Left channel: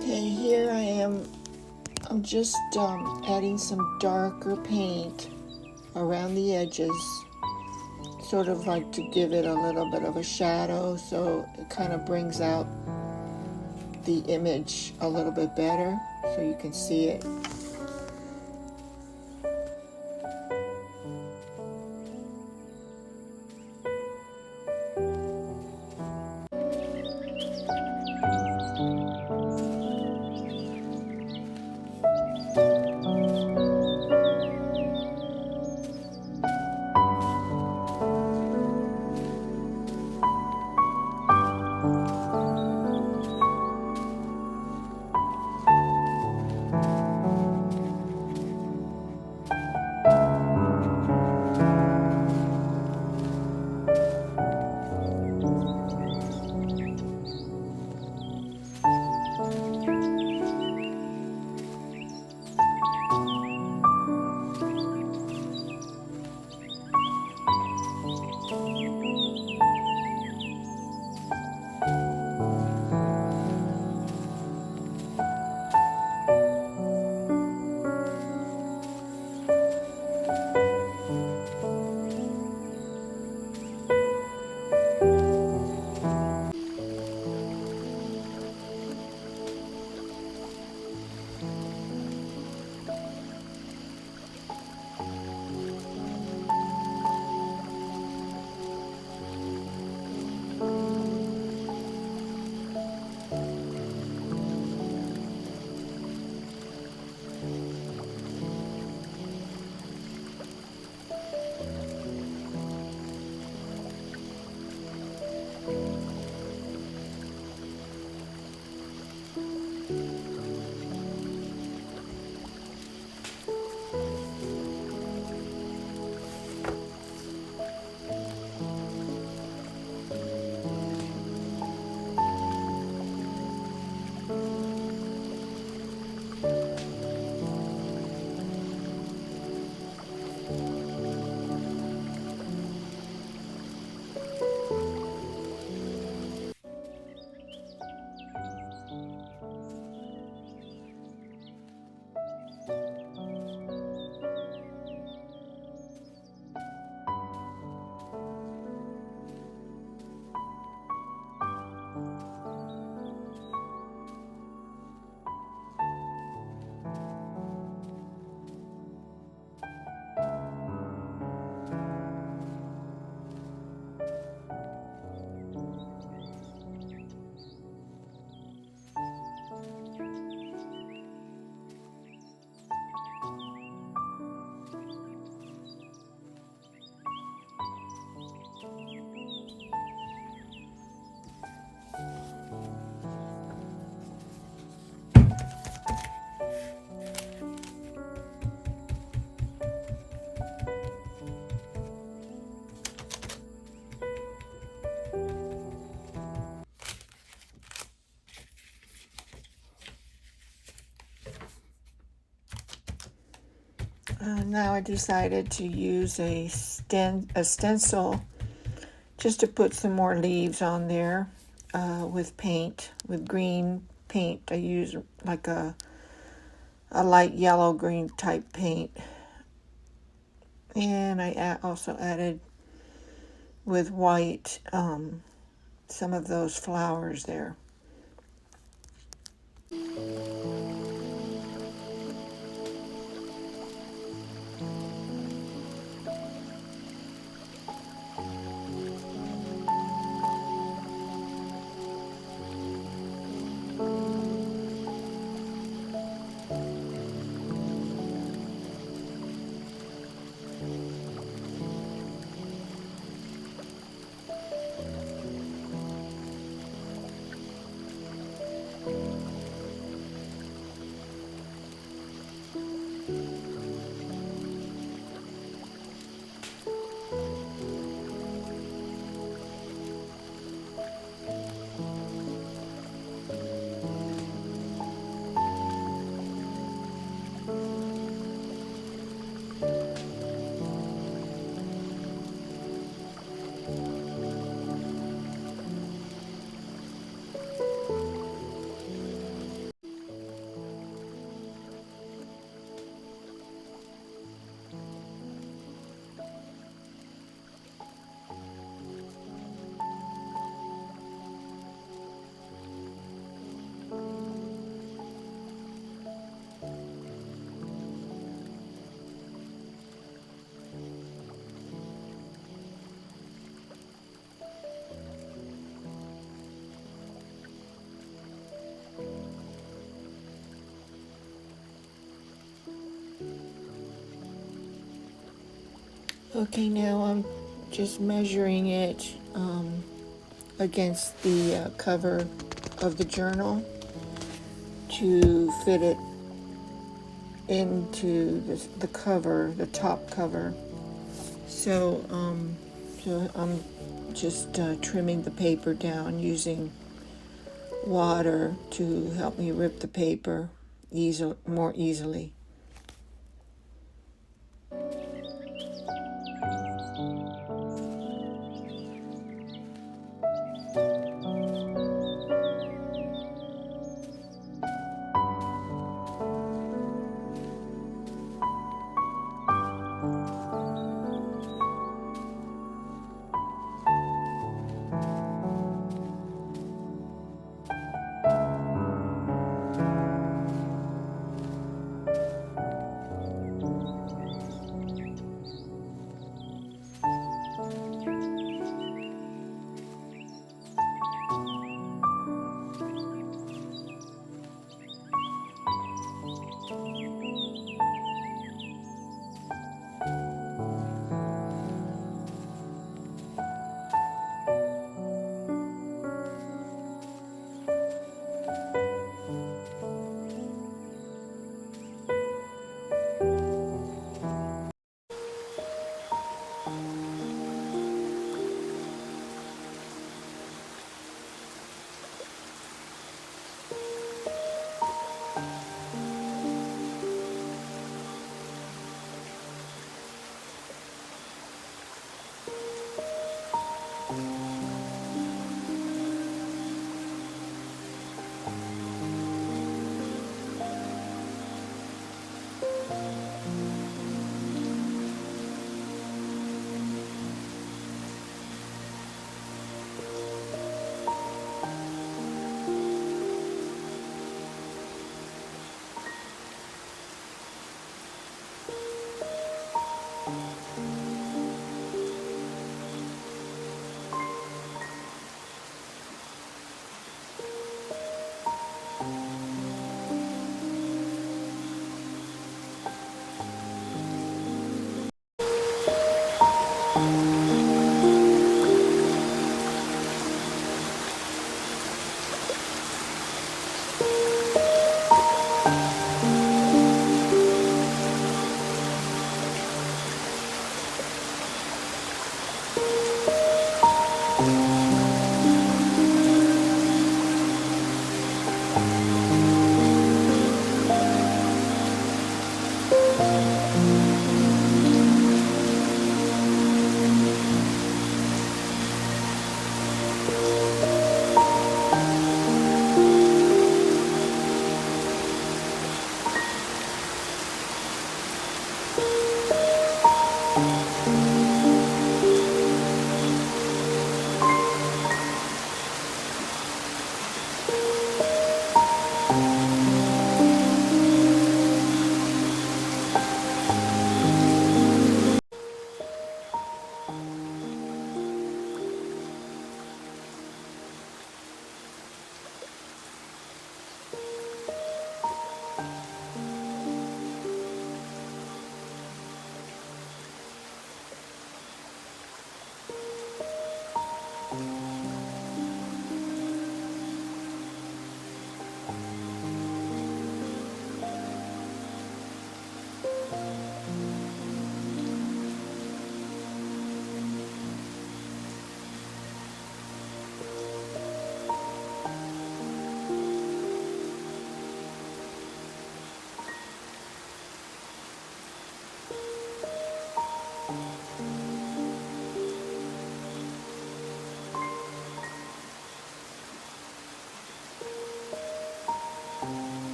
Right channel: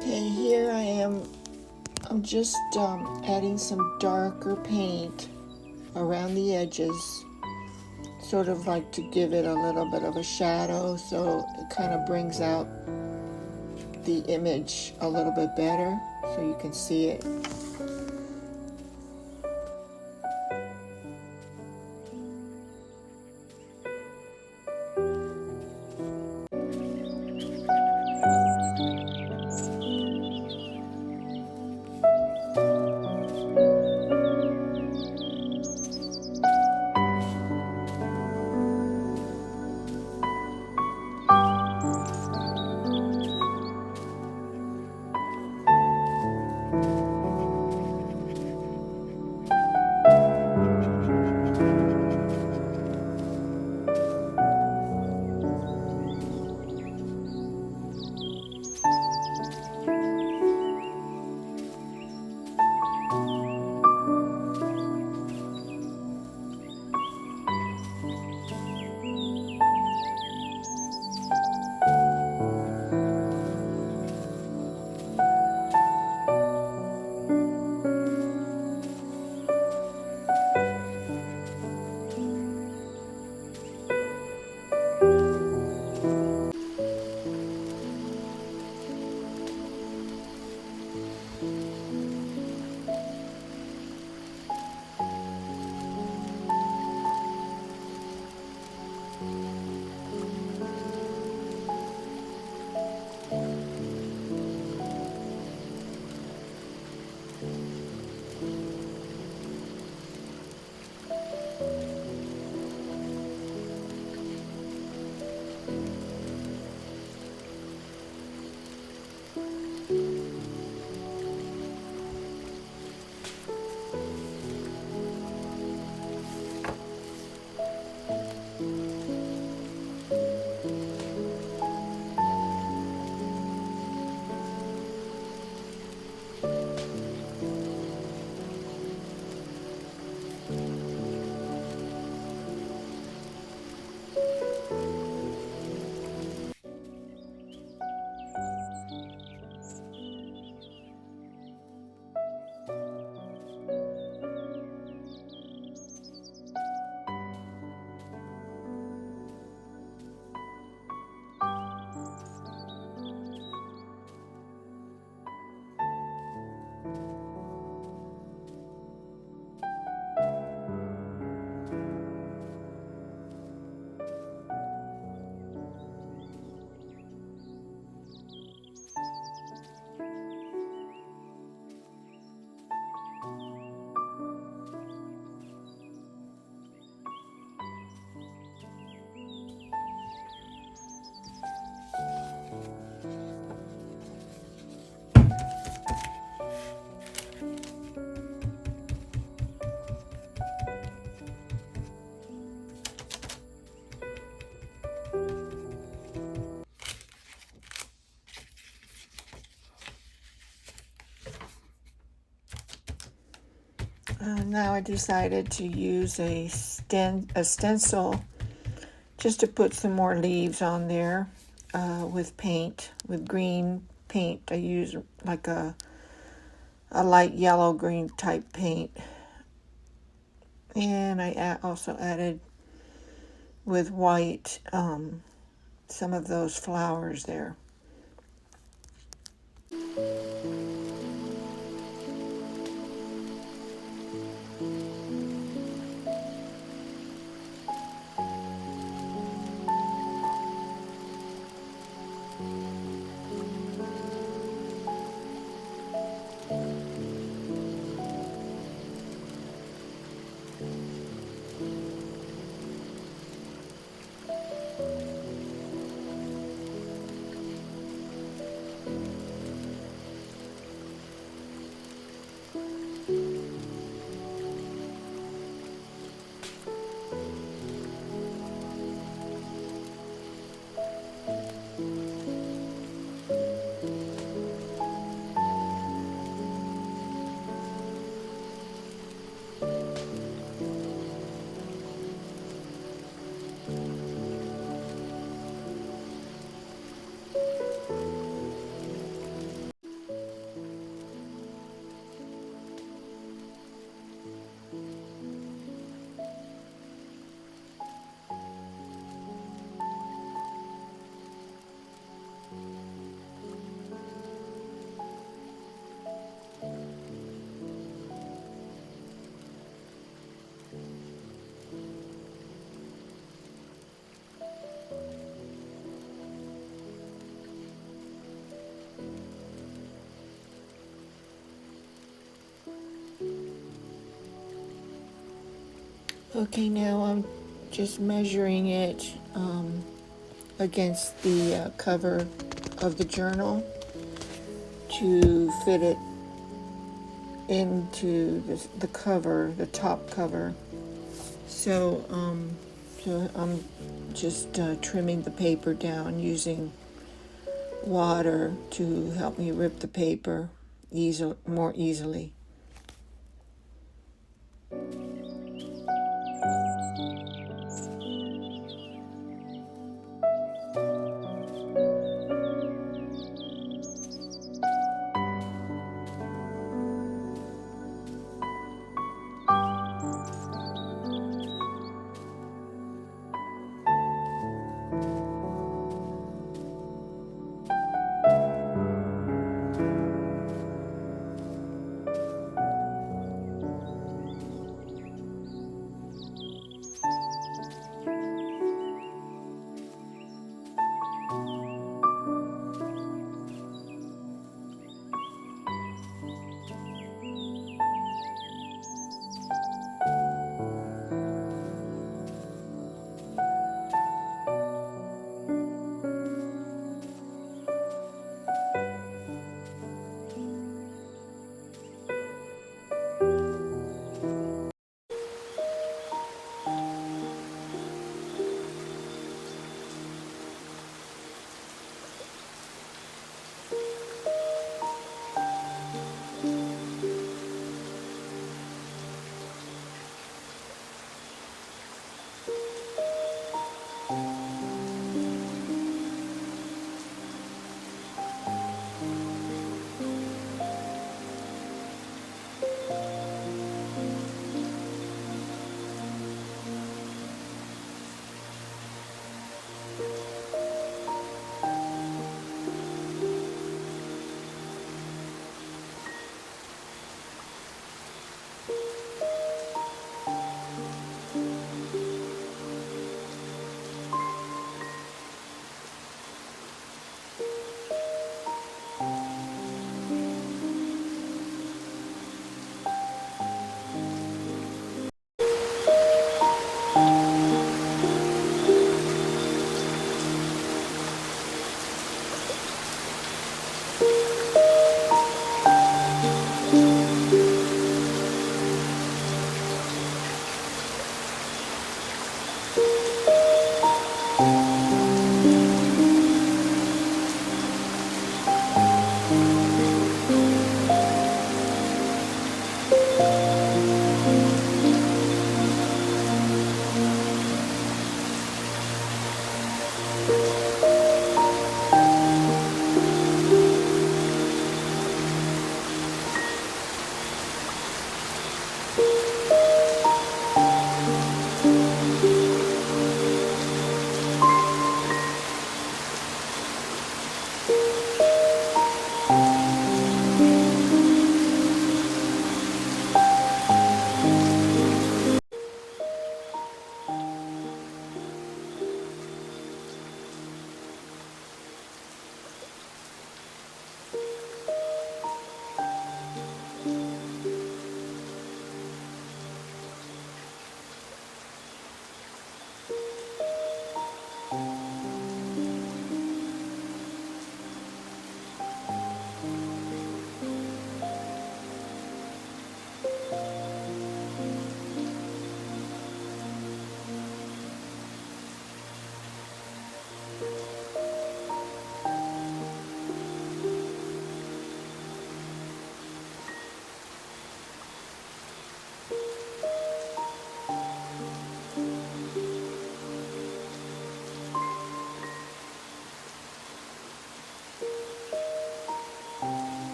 Okay, here I am. I'm just adding some darker paint around the edges, sort of like to give it a little bit of a shadow, so it kind of brings out the image a little bit better so you can see it. Now I decided to use a stencil just to put some more leaves on there with paint, with green paint. I use like a light yellow green type paint. And I also added with white some of those flowers there. Okay, now I'm just measuring it against the cover of the journal to fit it into the cover, the top cover. So, so I'm just trimming the paper down using water to help me rip the paper more easily.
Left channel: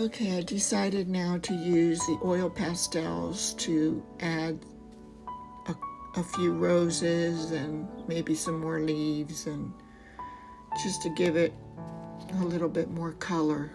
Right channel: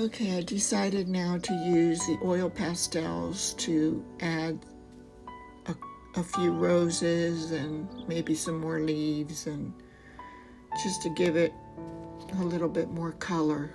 Okay, I decided now to use the oil pastels to add a few roses and maybe some more leaves, and just to give it a little bit more color.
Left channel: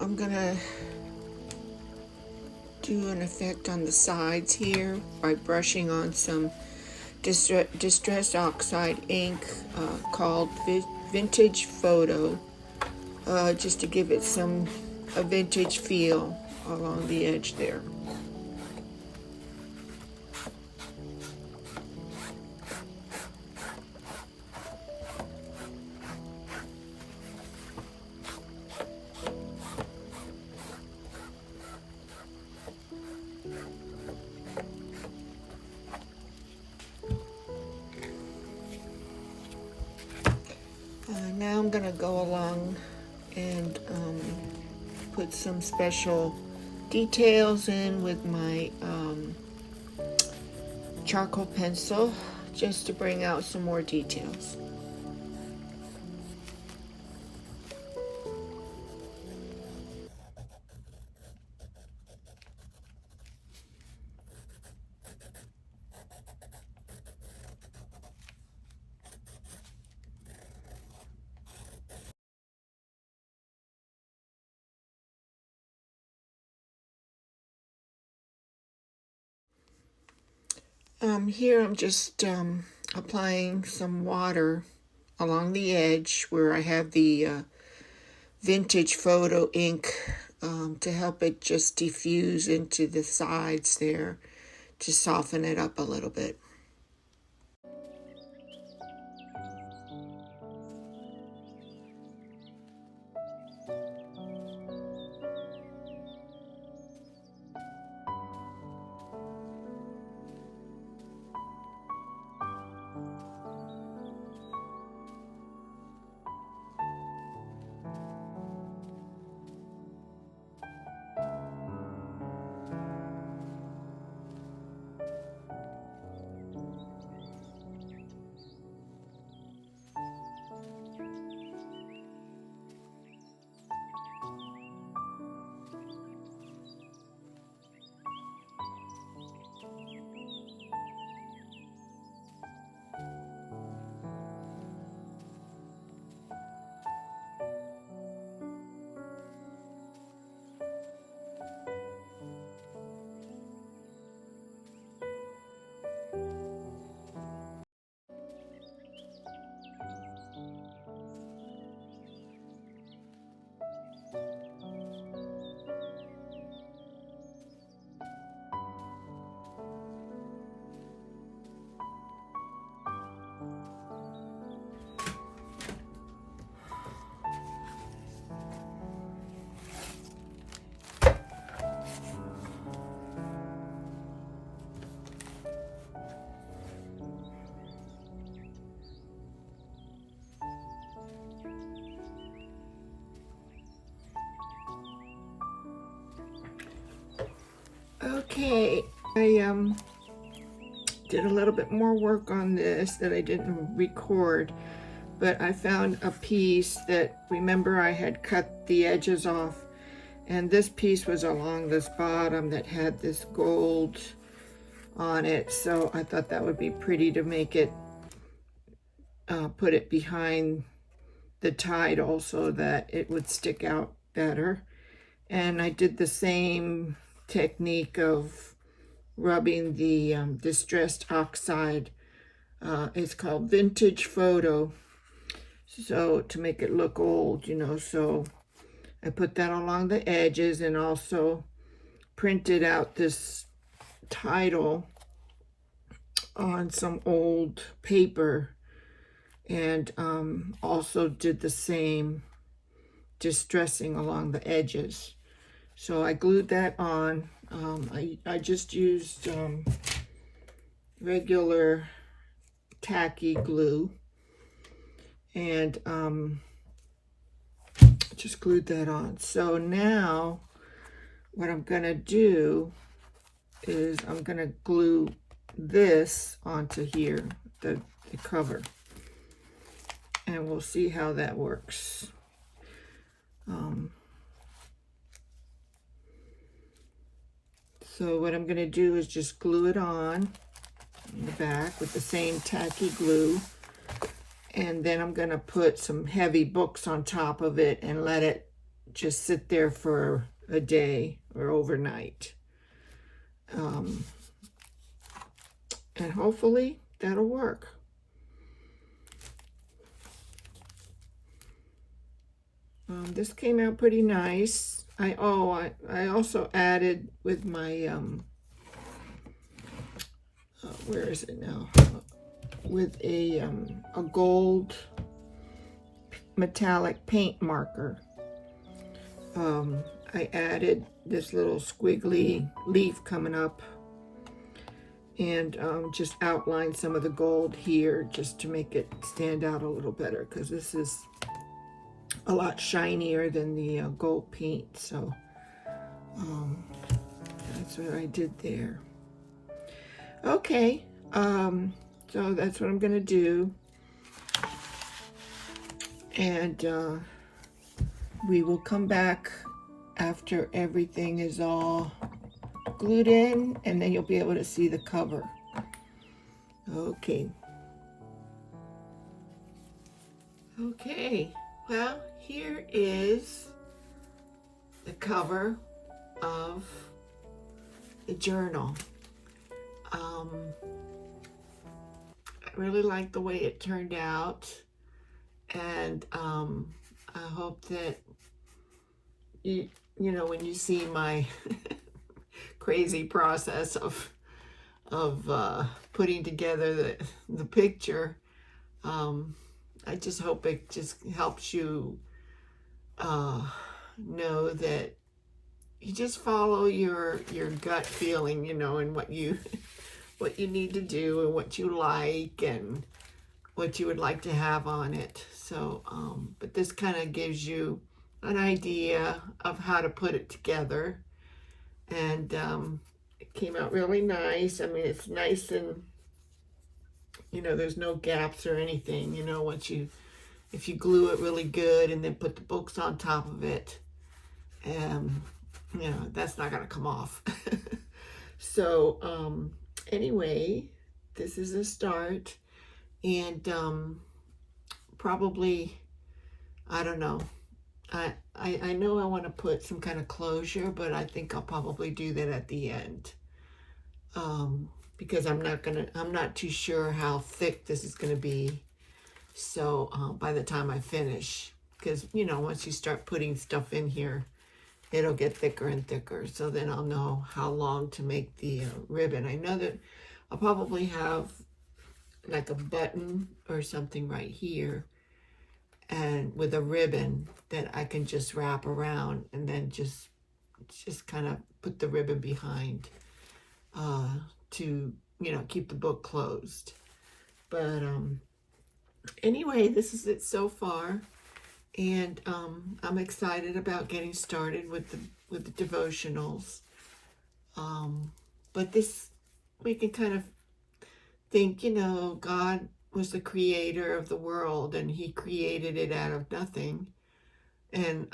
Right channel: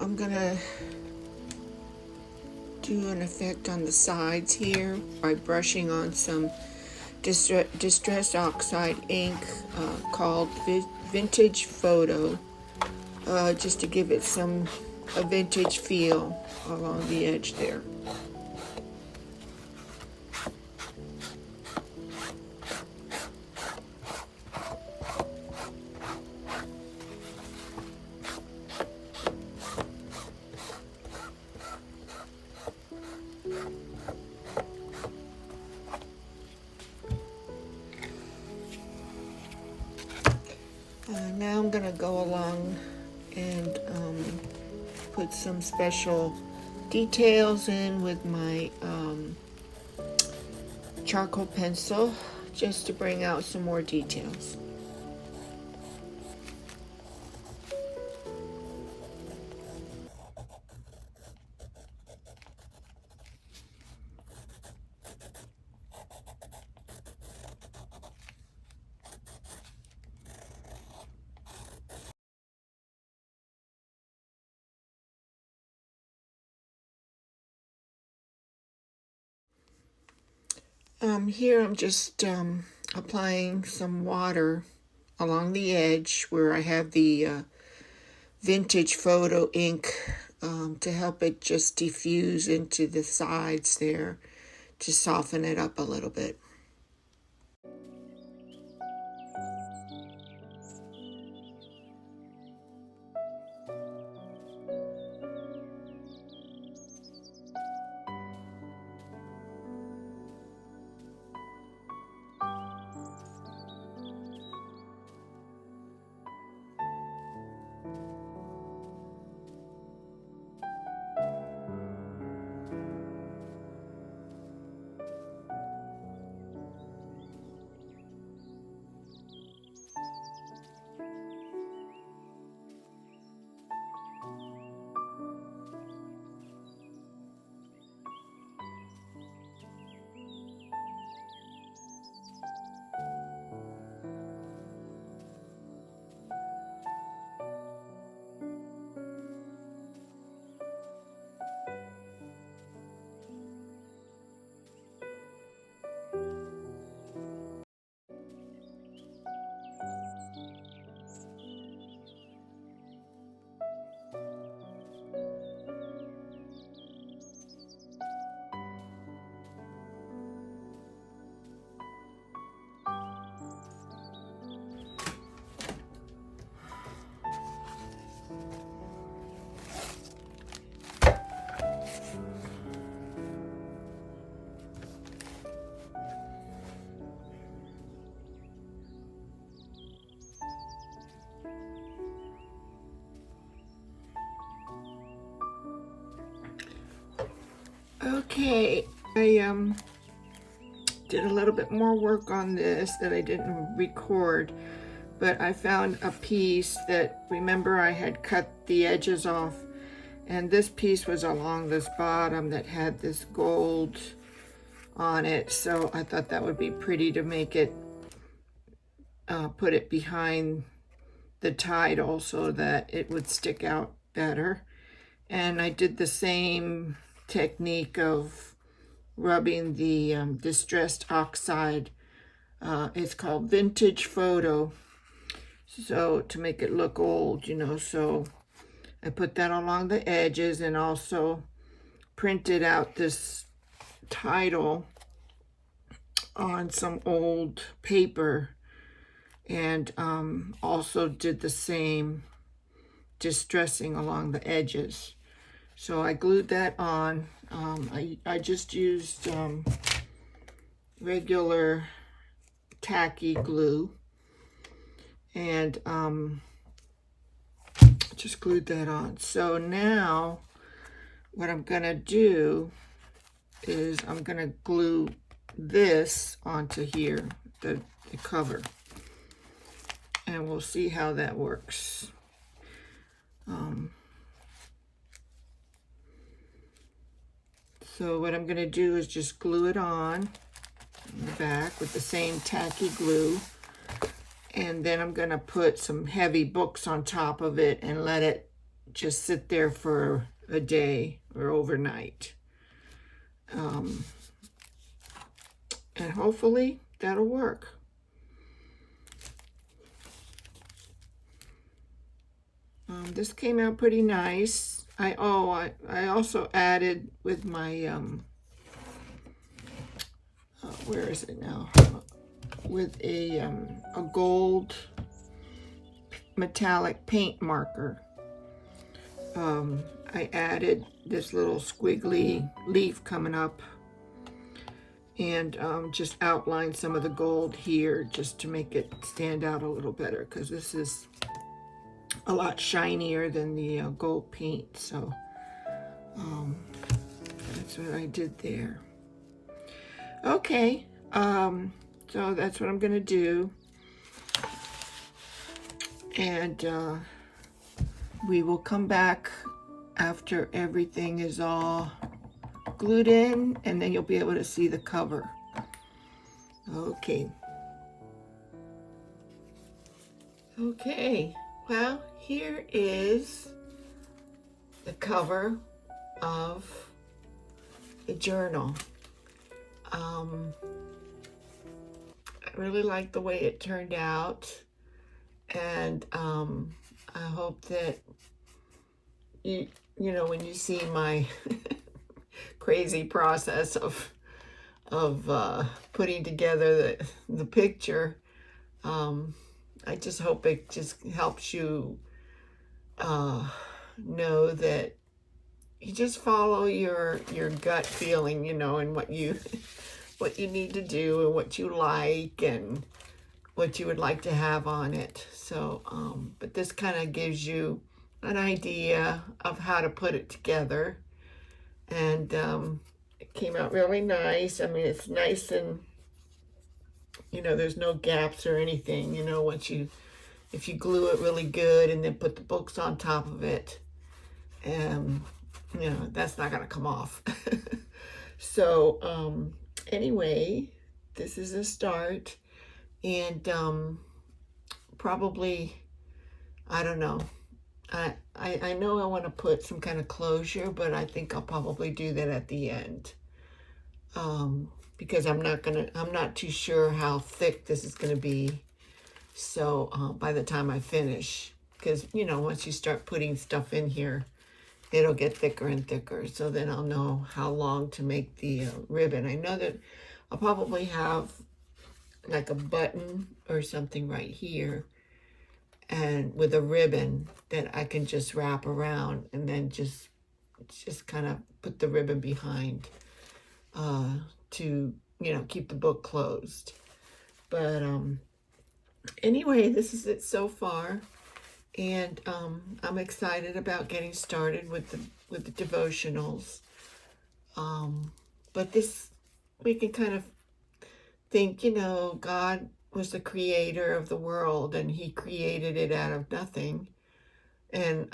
I'm gonna do an effect on the sides here by brushing on some distressed oxide ink called Vintage Photo, just to give it a vintage feel along the edge there. Now I'm going to go along and put some special details in with my charcoal pencil, just to bring out some more details. Here I'm just applying some water along the edge where I have the Vintage Photo ink to help it just diffuse into the sides there, to soften it up a little bit. Okay, I did a little bit more work on this that I didn't record, but I found a piece that, remember, I had cut the edges off, and this piece was along this bottom that had this gold on it, so I thought that would be pretty to make it, put it behind the title so that it would stick out better. And I did the same technique of rubbing the distressed oxide. It's called Vintage Photo, so to make it look old, you know. So I put that along the edges, and also printed out this title on some old paper, and also did the same distressing along the edges. So I glued that on. I just used regular tacky glue, and just glued that on. So now what I'm gonna do is I'm gonna glue this onto here, the cover, and we'll see how that works. So what I'm going to do is just glue it on the back with the same tacky glue, and then I'm going to put some heavy books on top of it and let it just sit there for a day or overnight. And hopefully that'll work. This came out pretty nice. I also added with my where is it now? With a gold metallic paint marker. I added this little squiggly leaf coming up, and just outlined some of the gold here just to make it stand out a little better, because this is a lot shinier than the gold paint. So that's what I did there. Okay, so that's what I'm gonna do, and we will come back after everything is all glued in, and then you'll be able to see the cover. Okay. Okay, well, here is the cover of the journal. I really like the way it turned out, and I hope that you know, when you see my crazy process of putting together the picture, I just hope it just helps you know that you just follow your gut feeling, you know, and what you need to do, and what you like, and what you would like to have on it. So but this kind of gives you an idea of how to put it together, and it came out really nice. I mean, it's nice, and you know, there's no gaps or anything, you know, if you glue it really good and then put the books on top of it, you know, that's not gonna come off. So anyway, this is a start, and probably, I don't know, I know I want to put some kind of closure, but I think I'll probably do that at the end, because I'm not too sure how thick this is gonna be. So by the time I finish, because you know, once you start putting stuff in here, it'll get thicker and thicker. So then I'll know how long to make the ribbon. I know that I'll probably have like a button or something right here, and with a ribbon that I can just wrap around, and then just kind of put the ribbon behind to, you know, keep the book closed. But anyway, this is it so far, and I'm excited about getting started with the devotionals. But this, we can kind of think, you know, God was the creator of the world, and he created it out of nothing. And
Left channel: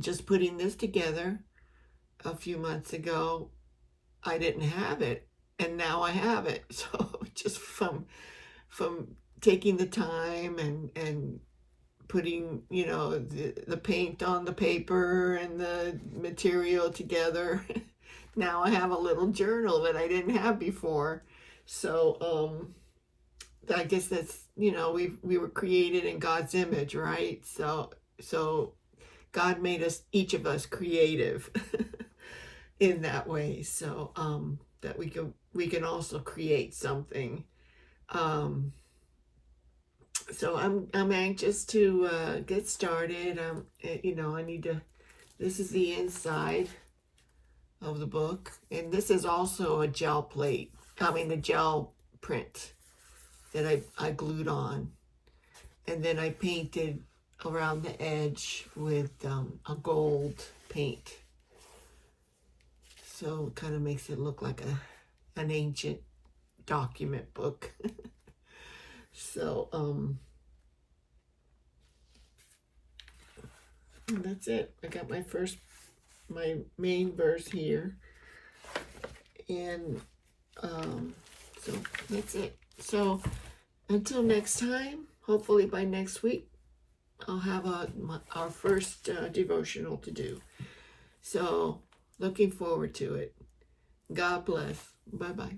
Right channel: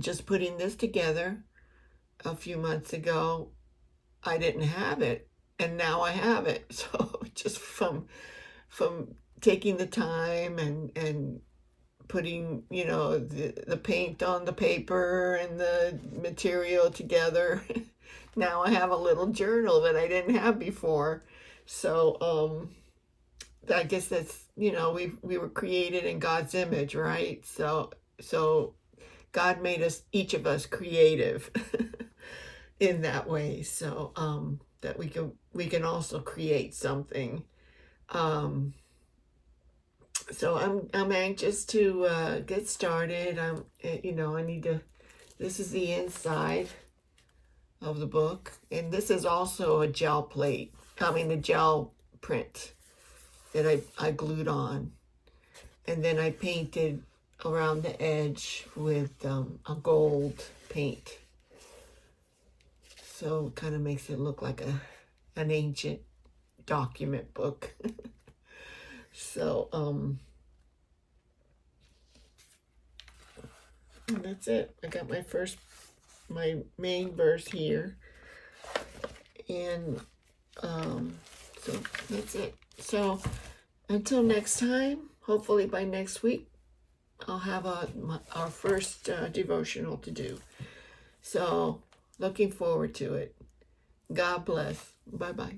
just putting this together a few months ago, I didn't have it, and now I have it. So just from taking the time and putting, you know, the paint on the paper and the material together, now I have a little journal that I didn't have before. So I guess that's, you know, we were created in God's image, right? So God made us, each of us, creative in that way, so that we can also create something. So I'm anxious to get started. You know, I need to. This is the inside of the book, and this is also a gel plate. I mean, the gel print that I glued on, and then I painted around the edge with a gold paint. So it kind of makes it look like an ancient document book. So that's it. I got my main verse here, and so that's it. So until next time, hopefully by next week, I'll have our first devotional to do. So looking forward to it. God bless. Bye-bye.